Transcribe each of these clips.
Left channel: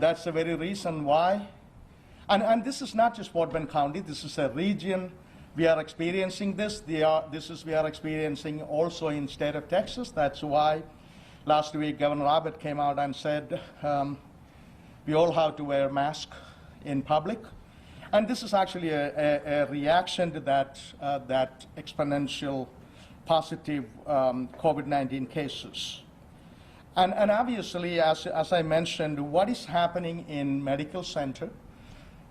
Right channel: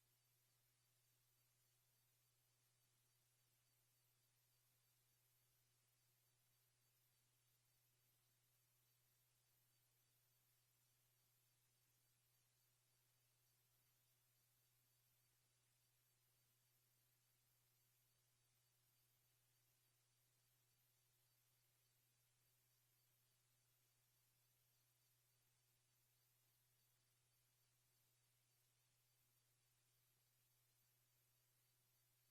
That's the very reason why. And this is not just Fort Bend County, this is a region. We are experiencing this. We are experiencing also in state of Texas. That's why last week Governor Abbott came out and said we all have to wear masks in public. And this is actually a reaction to that exponential positive COVID-19 cases. And obviously, as I mentioned, what is happening in medical center,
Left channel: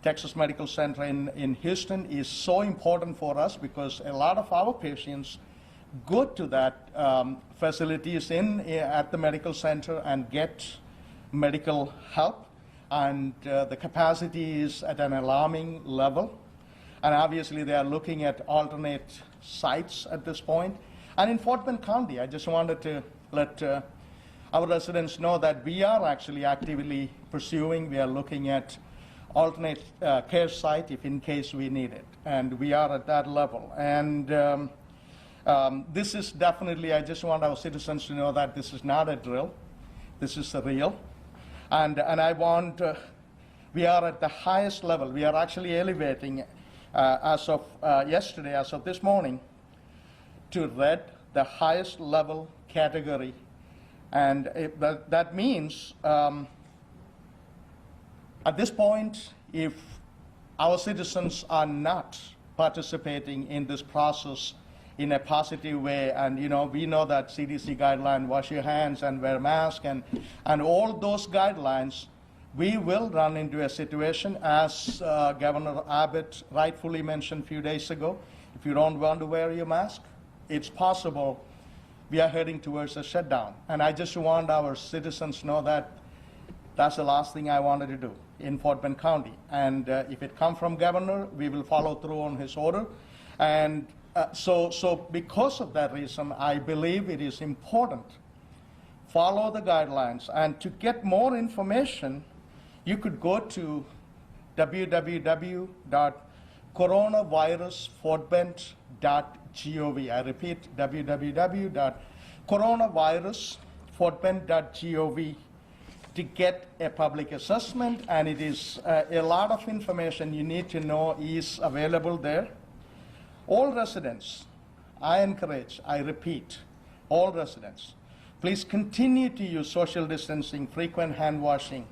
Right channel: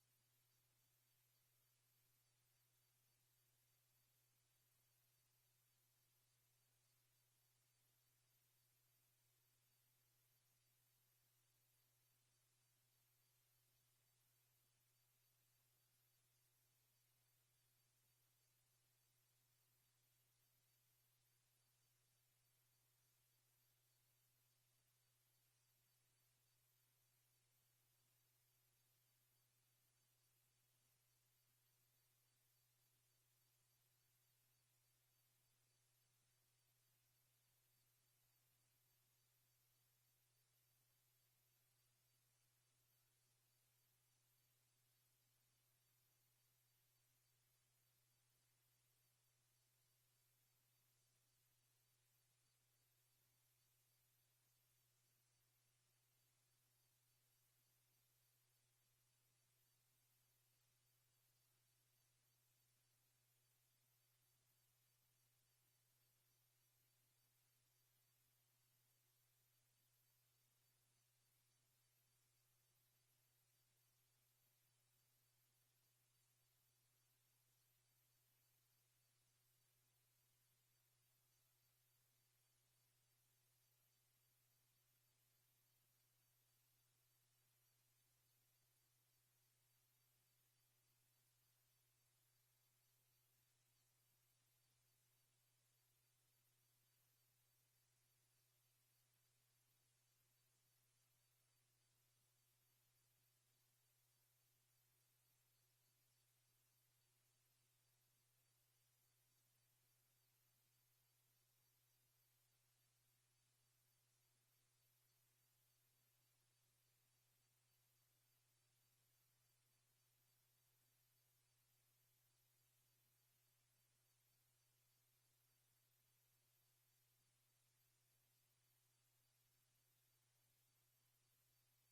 Texas Medical Center in Houston is so important for us because a lot of our patients go to that facilities at the medical center and get medical help. And the capacity is at an alarming level. And obviously, they are looking at alternate sites at this point. And in Fort Bend County, I just wanted to let our residents know that we are actually actively pursuing, we are looking at alternate care site if in case we need it. And we are at that level. And this is definitely, I just want our citizens to know that this is not a drill. This is real. And I want, we are at the highest level. We are actually elevating as of yesterday, as of this morning, to red, the highest level category. And that means at this point, if our citizens are not participating in this process in a positive way, and we know that CDC guideline, wash your hands and wear mask, and all those guidelines, we will run into a situation, as Governor Abbott rightfully mentioned a few days ago, if you don't want to wear your mask, it's possible we are heading towards a shutdown. And I just want our citizens to know that that's the last thing I wanted to do in Fort Bend County. And if it comes from governor, we will follow through on his order. And so because of that reason, I believe it is important follow the guidelines. And to get more information, you could go to www.coronavirusfortbend.gov. I repeat, www.coronavirusfortbend.gov to get a public assessment, and it is a lot of information you need to know is available there. All residents, I encourage, I repeat, all residents, please continue to use social distancing, frequent hand washing,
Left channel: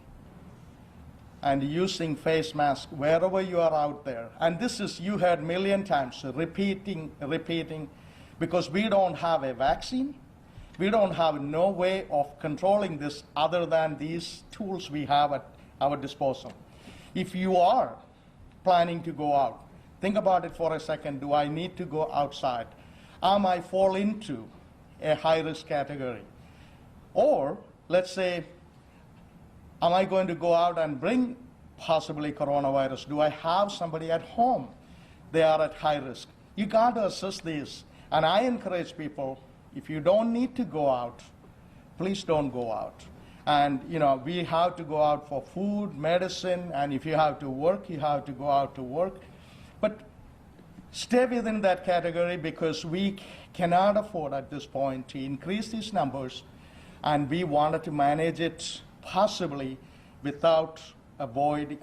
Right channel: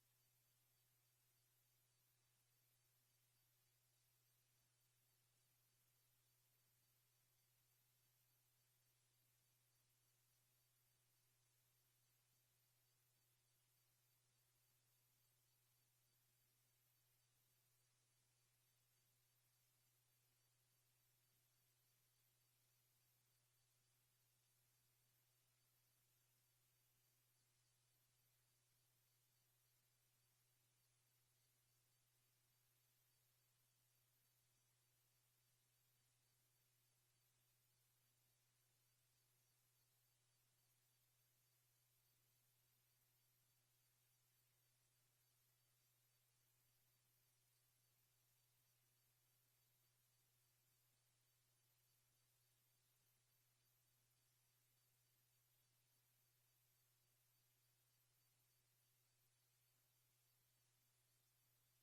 and using face masks wherever you are out there. And this is, you heard a million times, repeating, because we don't have a vaccine. We don't have no way of controlling this other than these tools we have at our disposal. If you are planning to go out, think about it for a second. Do I need to go outside? Am I fall into a high-risk category? Or, let's say, am I going to go out and bring possibly coronavirus? Do I have somebody at home? They are at high risk. You got to assess these. And I encourage people, if you don't need to go out, please don't go out. And we have to go out for food, medicine, and if you have to work, you have to go out to work. But stay within that category, because we cannot afford at this point to increase these numbers, and we wanted to manage it possibly without we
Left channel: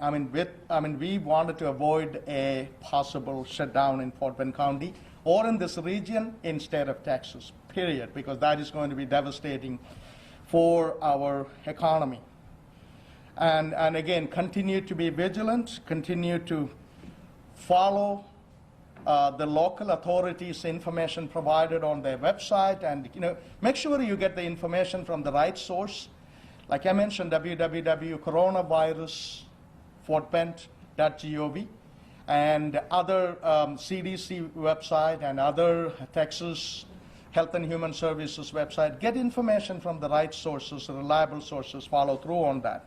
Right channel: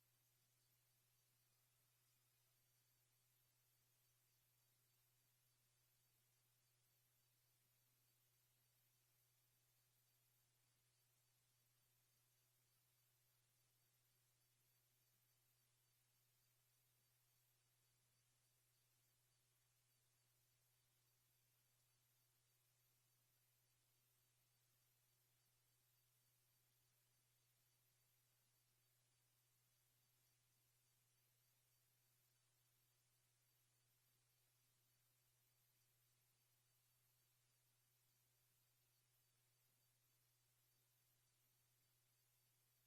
wanted to avoid a possible shutdown in Fort Bend County or in this region in state of Texas, period, because that is going to be devastating for our economy. And again, continue to be vigilant, continue to follow the local authorities' information provided on their website, and make sure you get the information from the right source. Like I mentioned, www.coronavirusfortbend.gov and other CDC website and other Texas Health and Human Services website. Get information from the right sources, reliable sources, follow through on that.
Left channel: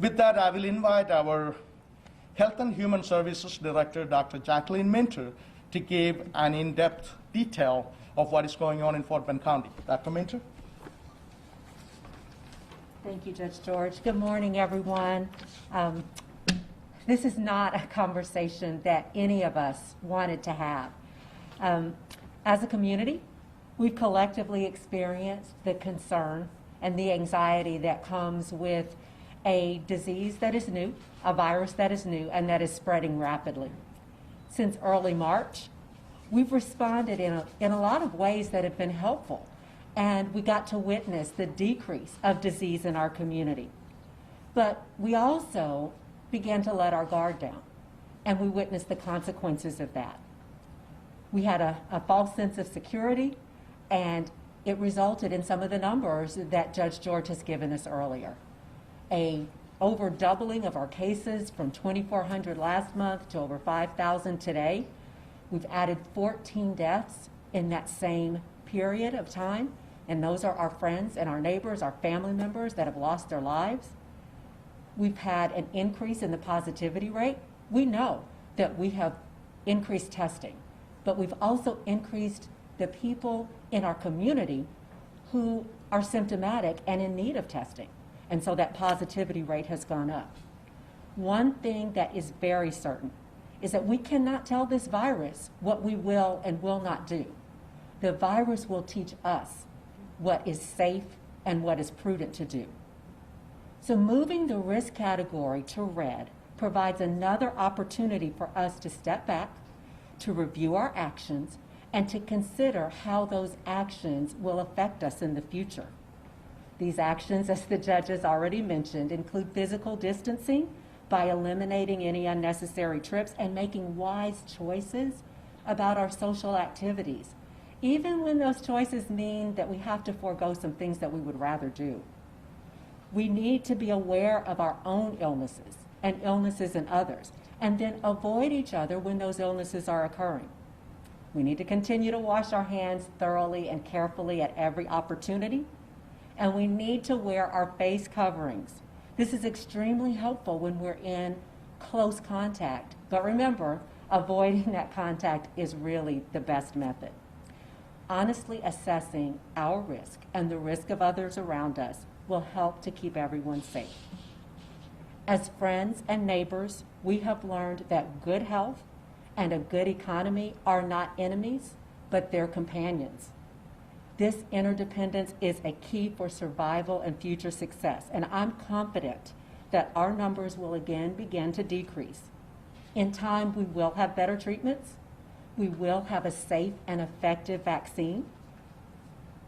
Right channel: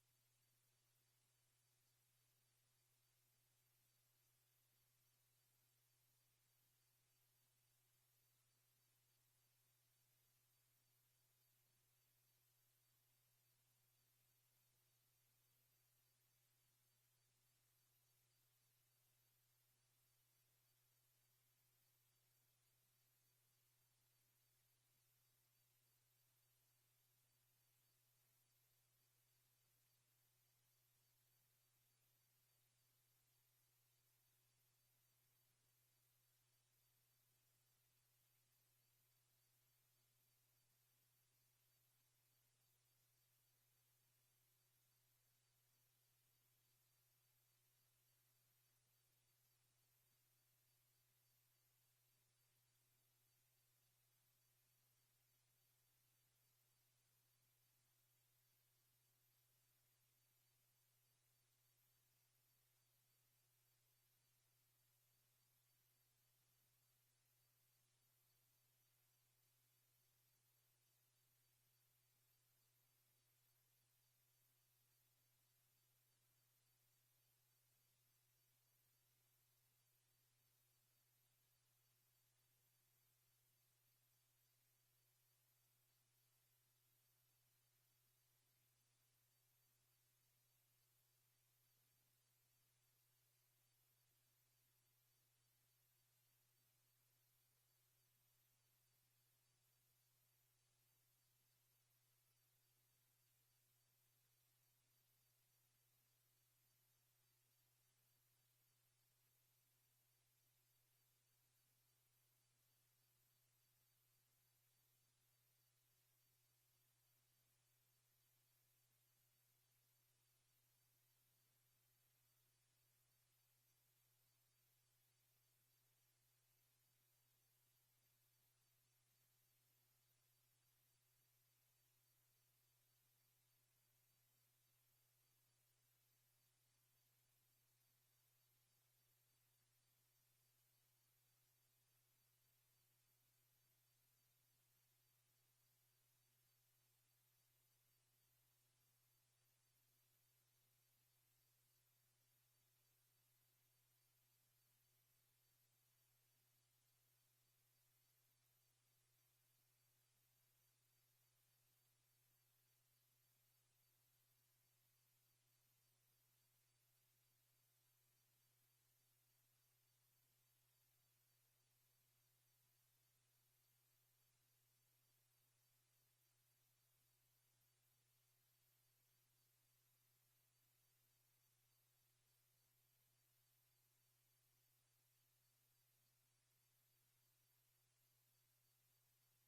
With that, I will invite our Health and Human Services Director, Dr. Jacqueline Minter, to give an in-depth detail of what is going on in Fort Bend County. Dr. Minter? Thank you, Judge George. Good morning, everyone. This is not a conversation that any of us wanted to have. As a community, we've collectively experienced the concern and the anxiety that comes with a disease that is new, a virus that is new, and that is spreading rapidly. Since early March, we've responded in a lot of ways that have been helpful, and we got to witness the decrease of disease in our community. But we also began to let our guard down, and we witnessed the consequences of that. We had a false sense of security, and it resulted in some of the numbers that Judge George has given us earlier. Over doubling of our cases from 2,400 last month to over 5,000 today. We've added 14 deaths in that same period of time, and those are our friends and our neighbors, our family members that have lost their lives. We've had an increase in the positivity rate. We know that we have increased testing, but we've also increased the people in our community who are symptomatic and in need of testing. And so that positivity rate has gone up. One thing that is very certain is that we cannot tell this virus what we will and will not do. The virus will teach us what is safe and what is prudent to do. So moving the risk category to red provides another opportunity for us to step back, to review our actions, and to consider how those actions will affect us in the future. These actions, as the judges already mentioned, include physical distancing by eliminating any unnecessary trips and making wise choices about our social activities, even when those choices mean that we have to forego some things that we would rather do. We need to be aware of our own illnesses and illnesses in others, and then avoid each other when those illnesses are occurring. We need to continue to wash our hands thoroughly and carefully at every opportunity, and we need to wear our face coverings. This is extremely helpful when we're in close contact, but remember, avoiding that contact is really the best method. Honestly assessing our risk and the risk of others around us will help to keep everyone safe. As friends and neighbors, we have learned that good health and a good economy are not enemies, but they're companions. This interdependence is a key for survival and future success, and I'm confident that our numbers will again begin to decrease. In time, we will have better treatments. We will have a safe and effective vaccine.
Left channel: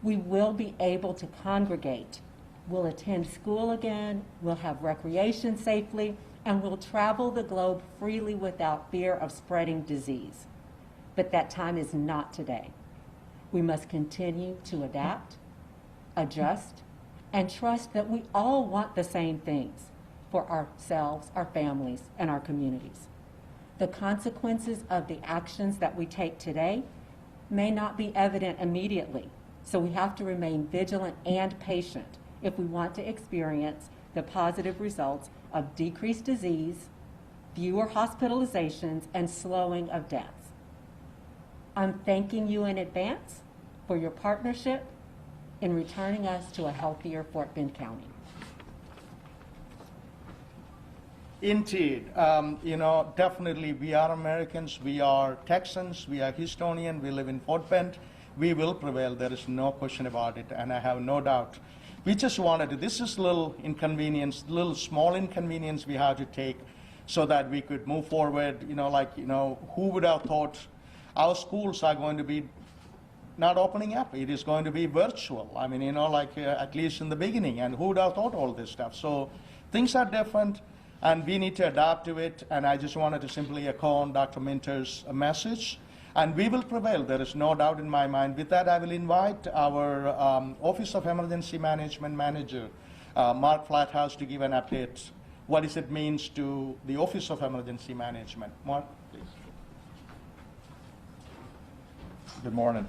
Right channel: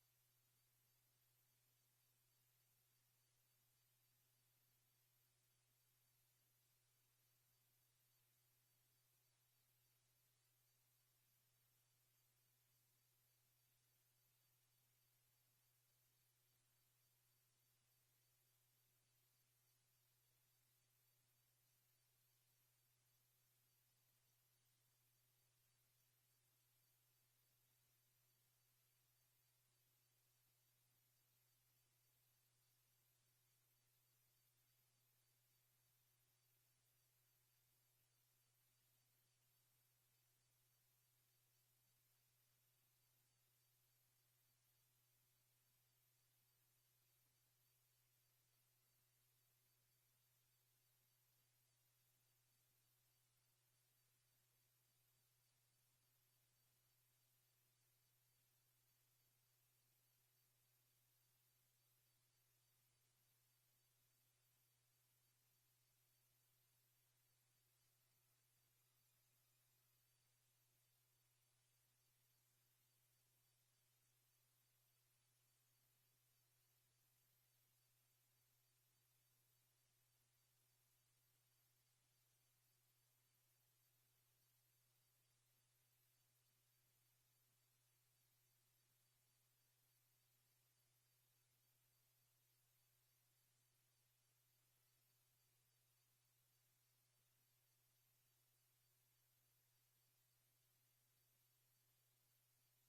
We will be able to congregate. We'll attend school again. We'll have recreation safely, and we'll travel the globe freely without fear of spreading disease. But that time is not today. We must continue to adapt, adjust, and trust that we all want the same things for ourselves, our families, and our communities. The consequences of the actions that we take today may not be evident immediately, so we have to remain vigilant and patient if we want to experience the positive results of decreased disease, fewer hospitalizations, and slowing of deaths. I'm thanking you in advance for your partnership in returning us to a healthier Fort Bend County. Indeed, definitely we are Americans, we are Texans, we are Houstonian, we live in Fort Bend. We will prevail, there is no question about it, and I have no doubt. We just wanted to, this is a little inconvenience, little small inconvenience we have to take so that we could move forward. Who would have thought our schools are going to be not opening up? It is going to be virtual. At least in the beginning, and who would have thought all this stuff? So things are different, and we need to adapt to it, and I just wanted to simply echo on Dr. Minter's message. And we will prevail, there is no doubt in my mind. With that, I will invite our Office of Emergency Management Manager, Mark Flathouse, to give an update. What does it mean to the Office of Emergency Management? Mark, please. Good morning.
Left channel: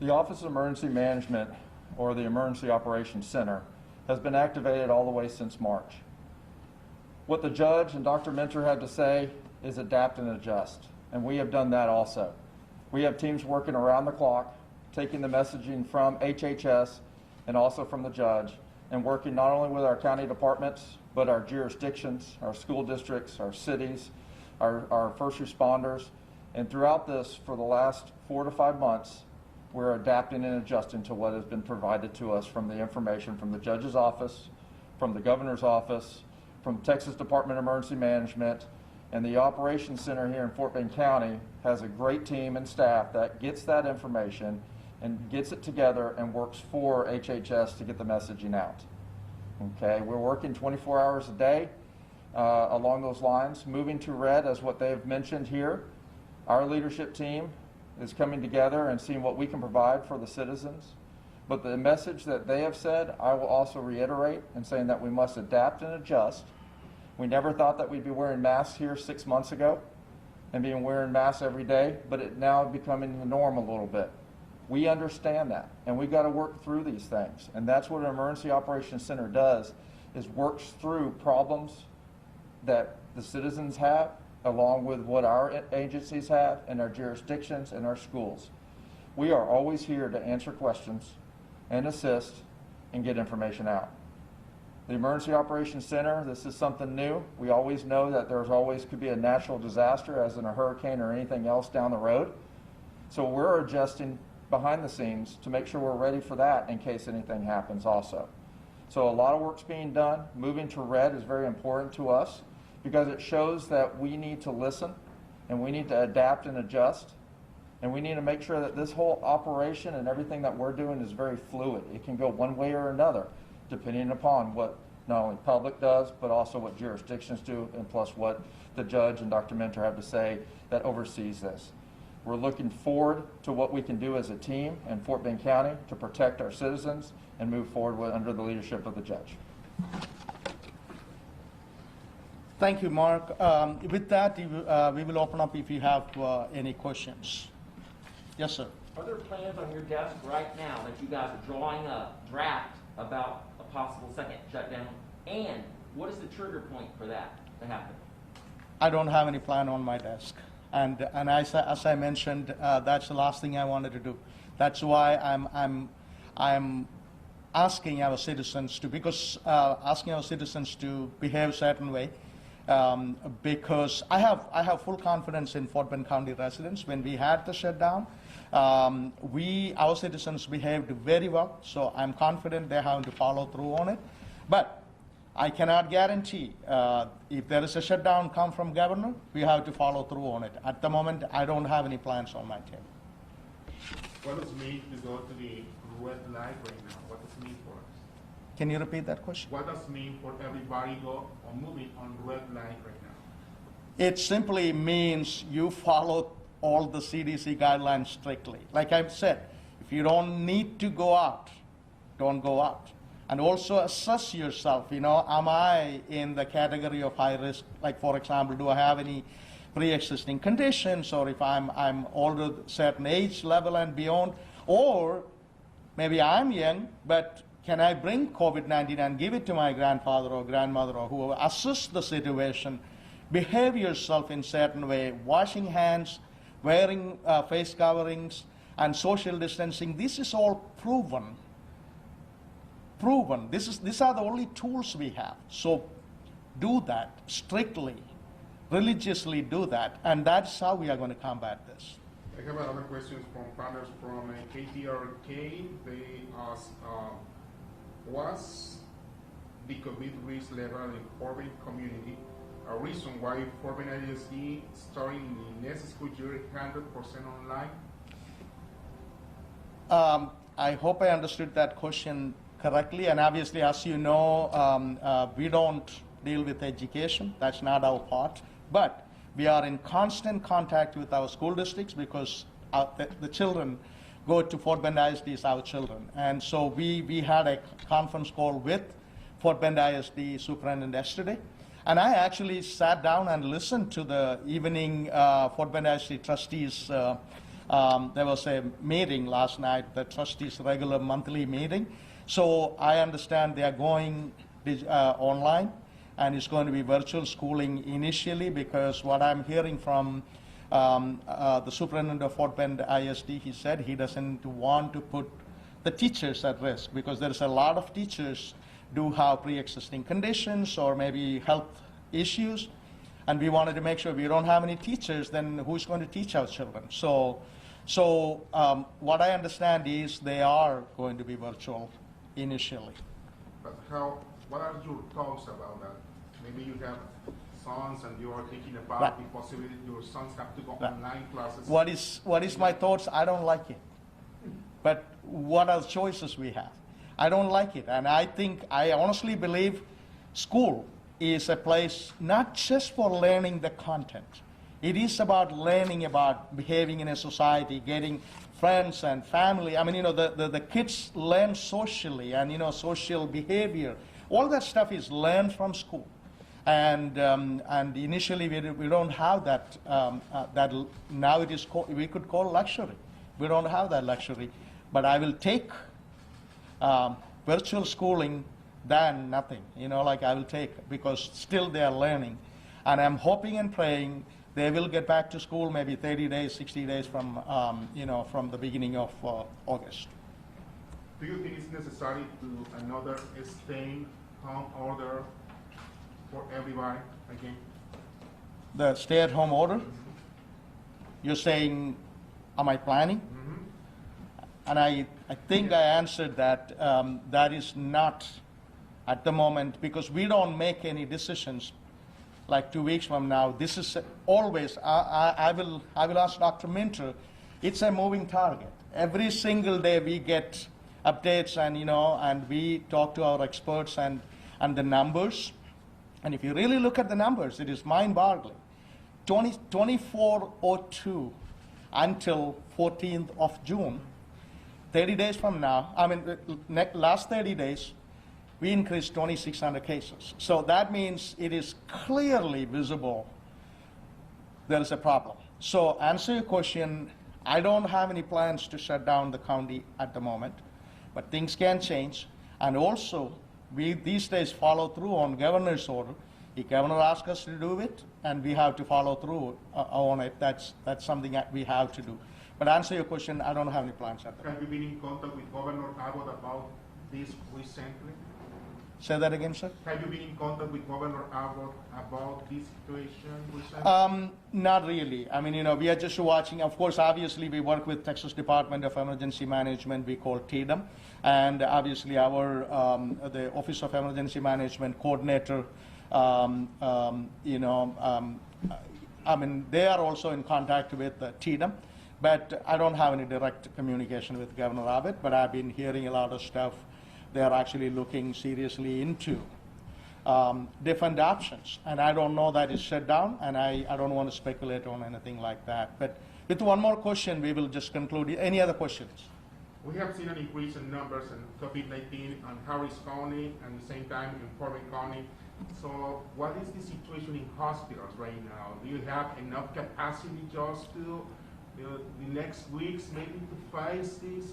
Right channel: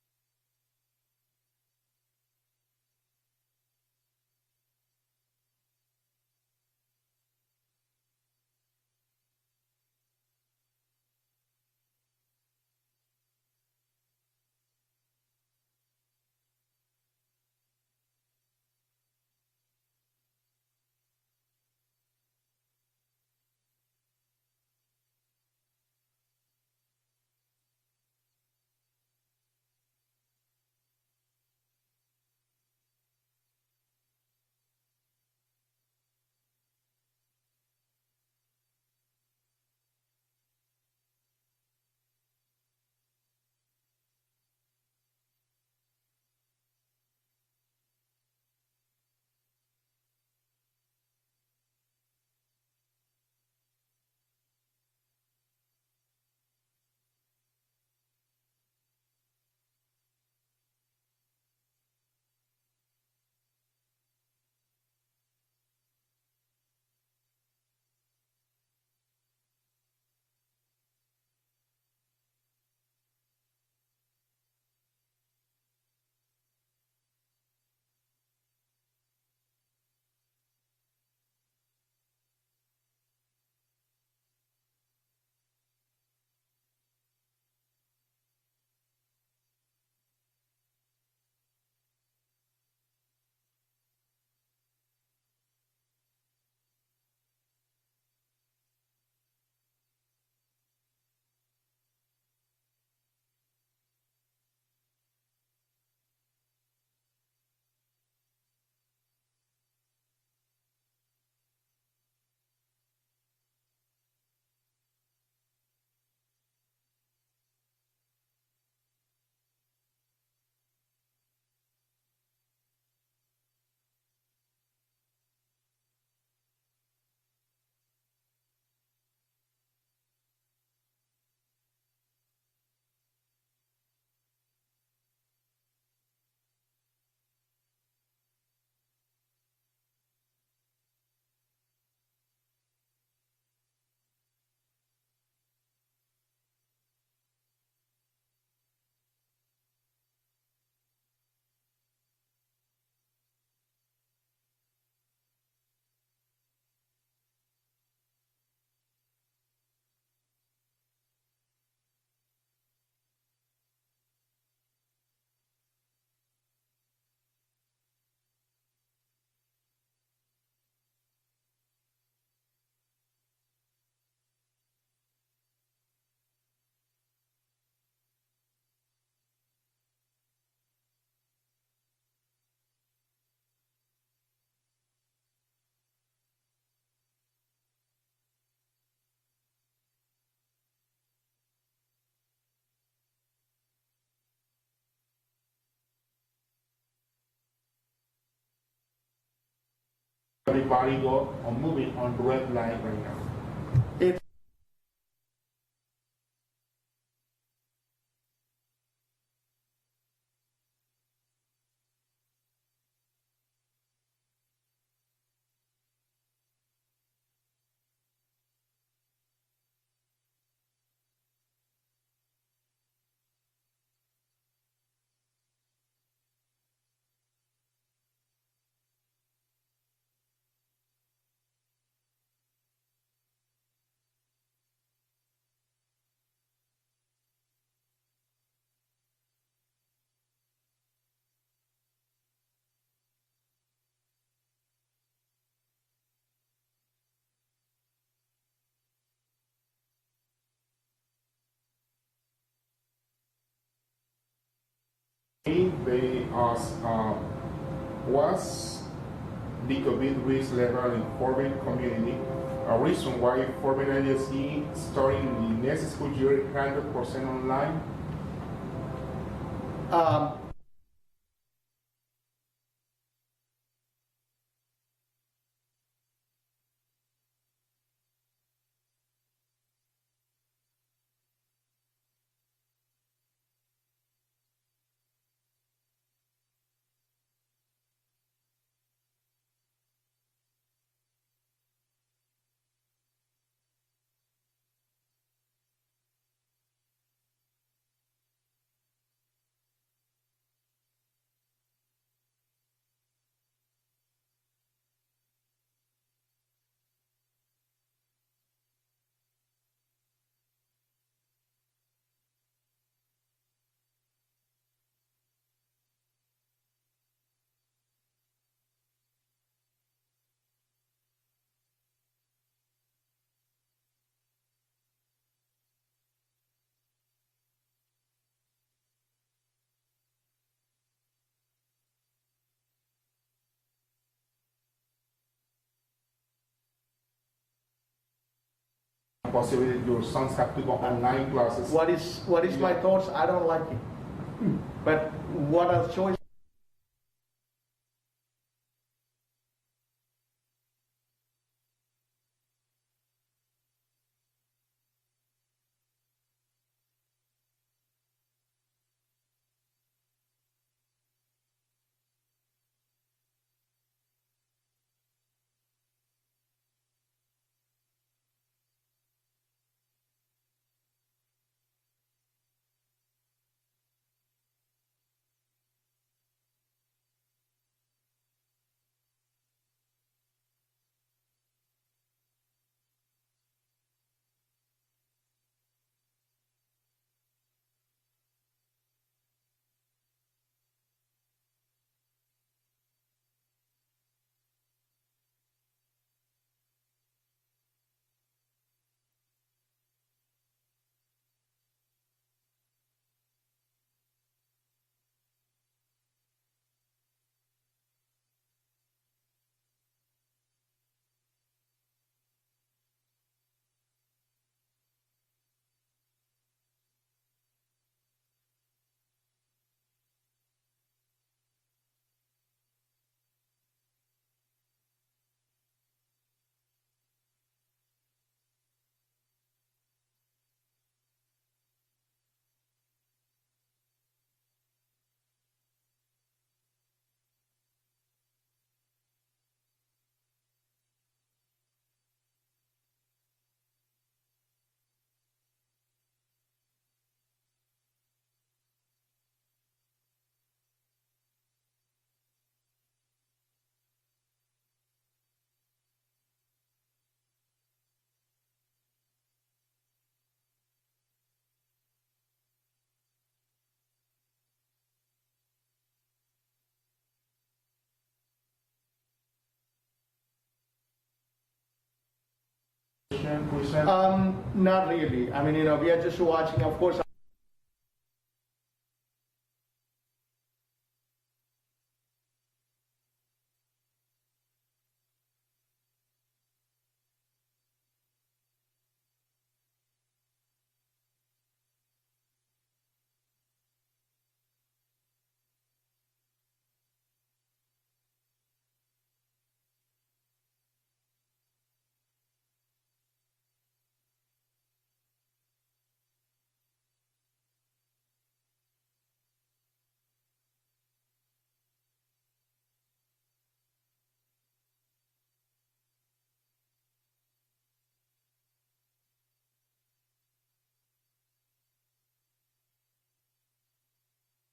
The Office of Emergency Management, or the Emergency Operations Center, has been activated all the way since March. What the judge and Dr. Minter had to say is adapt and adjust, and we have done that also. We have teams working around the clock, taking the messaging from HHS and also from the judge, and working not only with our county departments, but our jurisdictions, our school districts, our cities, our first responders. And throughout this, for the last 4 to 5 months, we're adapting and adjusting to what has been provided to us from the information from the judge's office, from the governor's office, from Texas Department of Emergency Management, and the Operations Center here in Fort Bend County has a great team and staff that gets that information and gets it together and works for HHS to get the messaging out. Okay, we're working 24 hours a day along those lines. Moving to red, as what they've mentioned here, our leadership team is coming together and seeing what we can provide for the citizens. But the message that they have said, I will also reiterate in saying that we must adapt and adjust. We never thought that we'd be wearing masks here 6 months ago and being wearing masks every day, but it now becoming the norm a little bit. We understand that, and we've got to work through these things. And that's what an Emergency Operations Center does, is works through problems that the citizens have, along with what our agencies have and our jurisdictions and our schools. We are always here to answer questions and assist and get information out. The Emergency Operations Center, this is something new. We always know that there's always could be a natural disaster, as in a hurricane or anything else down the road. So we're adjusting behind the scenes to make sure we're ready for that in case anything happens also. So a lot of work's being done. Moving to red is very important to us because it shows that we need to listen and we need to adapt and adjust. And we need to make sure that this whole operation and everything that we're doing is very fluid. It can go one way or another, depending upon what not only public does, but also what jurisdictions do, and plus what the judge and Dr. Mentor have to say that oversees this. We're looking forward to what we can do as a team in Fort Bend County to protect our citizens and move forward under the leadership of the judge. Thank you, Mark. With that, we will open up if you have any questions. Yes, sir. Are there plans on your desk right now that you guys are drawing a draft about a possible second shutdown? And what is the trigger point for that to happen? I don't have any plan on my desk. And as I mentioned, that's the last thing I wanted to do. That's why I'm asking our citizens to, asking our citizens to behave a certain way, because I have full confidence in Fort Bend County residents. When we had the shutdown, our citizens behaved very well, so I'm confident they're having to follow through on it. But I cannot guarantee if there is a shutdown come from governor, we have to follow through on it. At the moment, I don't have any plans on my table. What does it mean to go to the red light right now? What does it mean for us? Can you repeat that question? What does it mean for everybody go on moving on red light right now? It simply means you follow all the CDC guidelines strictly. Like I've said, if you don't need to go out, don't go out. And also assess yourself, am I in the category of high risk? Like, for example, do I have any pre-existing conditions, or if I'm older, certain age level and beyond, or maybe I'm young, but can I bring COVID-19 and give it to my grandfather or grandmother or whoever? Assess the situation, behave yourself in certain way, washing hands, wearing face coverings, and social distancing. This is all proven. These are the only tools we have. So do that strictly, religiously do that, and that's how we are going to combat this. I have another question from partners from KTRK. They ask, was the COVID risk level in Fort Bend community a reason why Fort Bend ISD starting the next school year 100% online? I hope I understood that question correctly, and obviously, as you know, we don't deal with education. That's not our part. But we are in constant contact with our school districts because the children go to Fort Bend ISD as our children. And so we had a conference call with Fort Bend ISD superintendent yesterday. And I actually sat down and listened to the evening Fort Bend ISD trustees. There was a meeting last night, the trustees' regular monthly meeting. So I understand they are going online, and it's going to be virtual schooling initially, because what I'm hearing from the superintendent of Fort Bend ISD, he said he doesn't want to put the teachers at risk, because there's a lot of teachers do have pre-existing conditions or maybe health issues, and we wanted to make sure we don't have any teachers, then who's going to teach our children? So So what I understand is they are going to be virtual initially. But what are your thoughts about that? Maybe you have sons and you are thinking about Right. the possibility your sons have to go online classes. What is my thoughts? I don't like it. But what are the choices we have? I don't like it. And I honestly believe school is a place not just for learning the content. It is about learning about behaving in a society, getting friends and family. I mean, the kids learn socially and, social behavior. All that stuff is learned from school. And initially we don't have that, now it is we could call luxury. We don't have that luxury. But I will take virtual schooling than nothing, I will take, because still they are learning. And I'm hoping and praying they will get back to school maybe 30 days, 60 days from, from the beginning of August. Do you think it's necessary to another stay-home order for everybody again? The stay-at-home order? You're saying, am I planning? And I think I answered that that is not at the moment, because we don't make any decisions like 2 weeks from now. This is always, I will ask Dr. Minter, it's a moving target. Every single day we get updates and, and we talk to our experts and the numbers. And if you really look at the numbers, it is mind-boggling. 2402 until 14th of June, 30 days from now, last 30 days, we increased 2,600 cases. So that means it is clearly visible there is a problem. So answer your question, I don't have any plans to shut down the county at the moment, but things can change. And also, we these days follow through on governor's order. The governor asks us to do it, and we have to follow through on it. That's something that we have to do. But answer your question, I don't have any plans at the moment. Have you been in contact with Governor Abbott about this recently? Say that again, sir? Have you been in contact with Governor Abbott about this situation recently? Not really. We are just watching. Of course, obviously, we work with Texas Department of Emergency Management. We call TDEM, and obviously, our the Office of Emergency Management coordinator. They are also in contact with TDEM, but I don't have any direct communication with Governor Abbott. But I've been hearing a lot of stuff. They are actually looking seriously into different options. And I don't know that it's shut down, and I don't want to speculate on anything like that. But with one more question, we will just conclude. Any other questions? We have seen an increase in numbers in COVID-19 in Harris County and at the same time in Corbin County. So what is the situation in hospitals right now? Do you have enough capacity just to the next weeks maybe to face this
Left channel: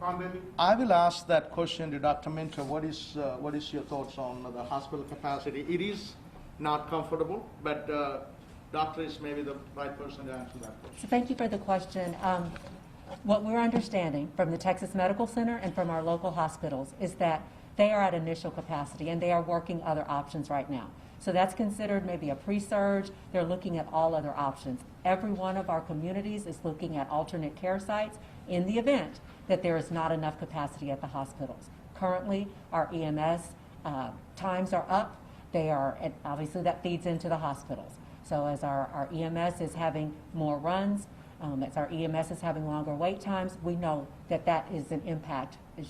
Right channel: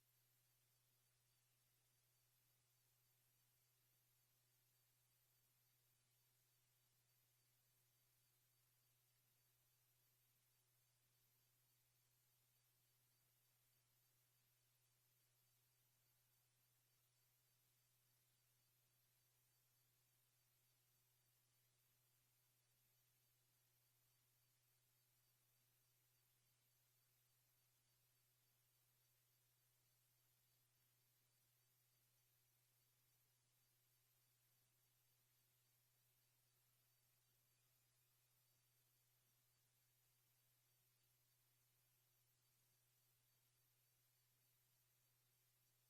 pandemic? I will ask that question to Dr. Minter. What is your thoughts on the hospital capacity? It is not comfortable, but doctor is maybe the right person to answer that question. So thank you for the question. What we're understanding from the Texas Medical Center and from our local hospitals is that they are at initial capacity and they are working other options right now. So that's considered maybe a pre-surge. They're looking at all other options. Every one of our communities is looking at alternate care sites in the event that there is not enough capacity at the hospitals. Currently, our EMS times are up. They are, and obviously that feeds into the hospitals. So as our EMS is having more runs, as our EMS is having longer wait times, we know that that is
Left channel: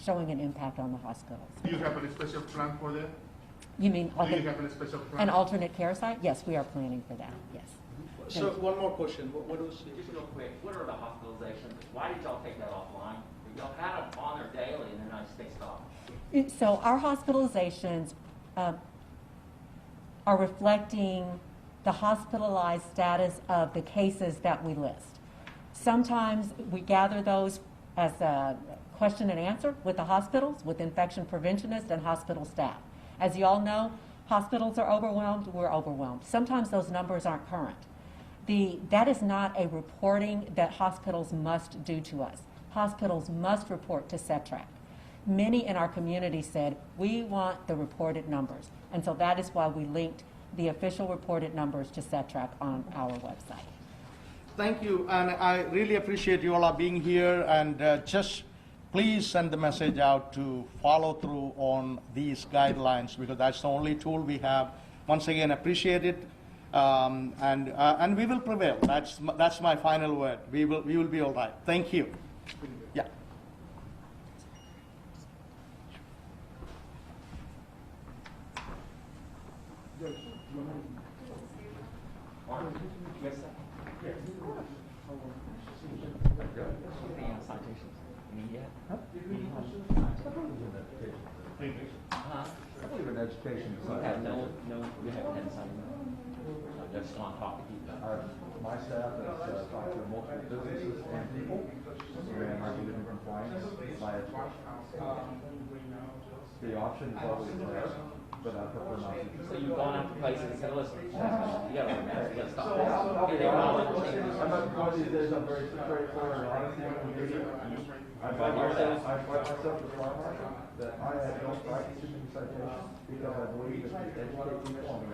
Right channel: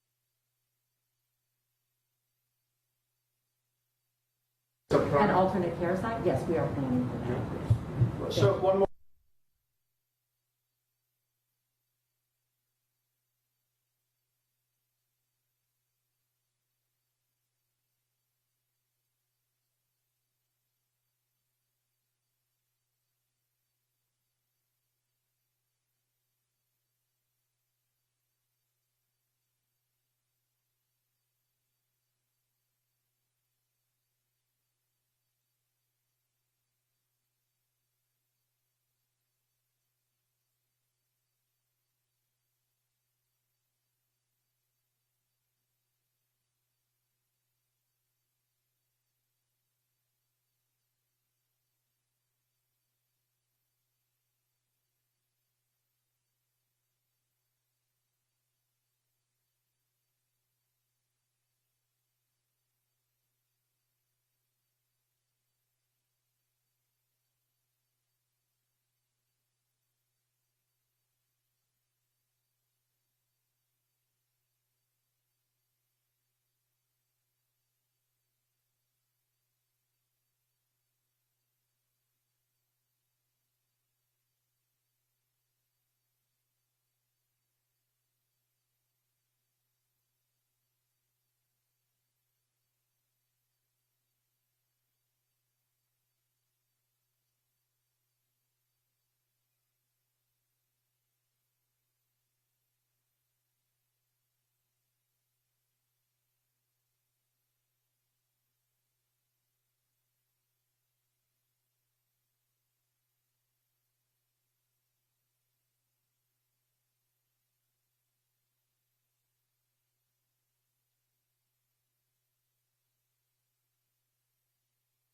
showing an impact on the hospitals. Do you have a special plan for that? You mean Do you have a special plan? an alternate care site? Yes, we are planning for that. So one more question. What was Just real quick, what are the hospitalizations? Why did y'all take that offline? Y'all had them on there daily and then I just stopped. So our hospitalizations are reflecting the hospitalized status of the cases that we list. Sometimes we gather those as a question and answer with the hospitals, with infection preventionists and hospital staff. As you all know, hospitals are overwhelmed, we're overwhelmed. Sometimes those numbers aren't current. That is not a reporting that hospitals must do to us. Hospitals must report to CETRAC. Many in our community said, we want the reported numbers. And so that is why we linked the official reported numbers to CETRAC on our website. Thank you, and I really appreciate you all are being here, and just please send the message out to follow through on these guidelines, because that's the only tool we have. Once again, appreciate it, and we will prevail. That's my final word. We will be all right. Thank you. Yeah. I believe in education. You haven't had citation. Just on top of you. My staff has talked to multiple businesses and people, and I believe in compliance by education. The option is always there, but I prefer not to. So you've gone out to places and said, listen, you gotta remember, you gotta stop this. Okay, they want to change. I'm not one of these days, I'm very straightforward and honest in what we do. I find myself as far that I don't practice in citation because I believe if you educate people on the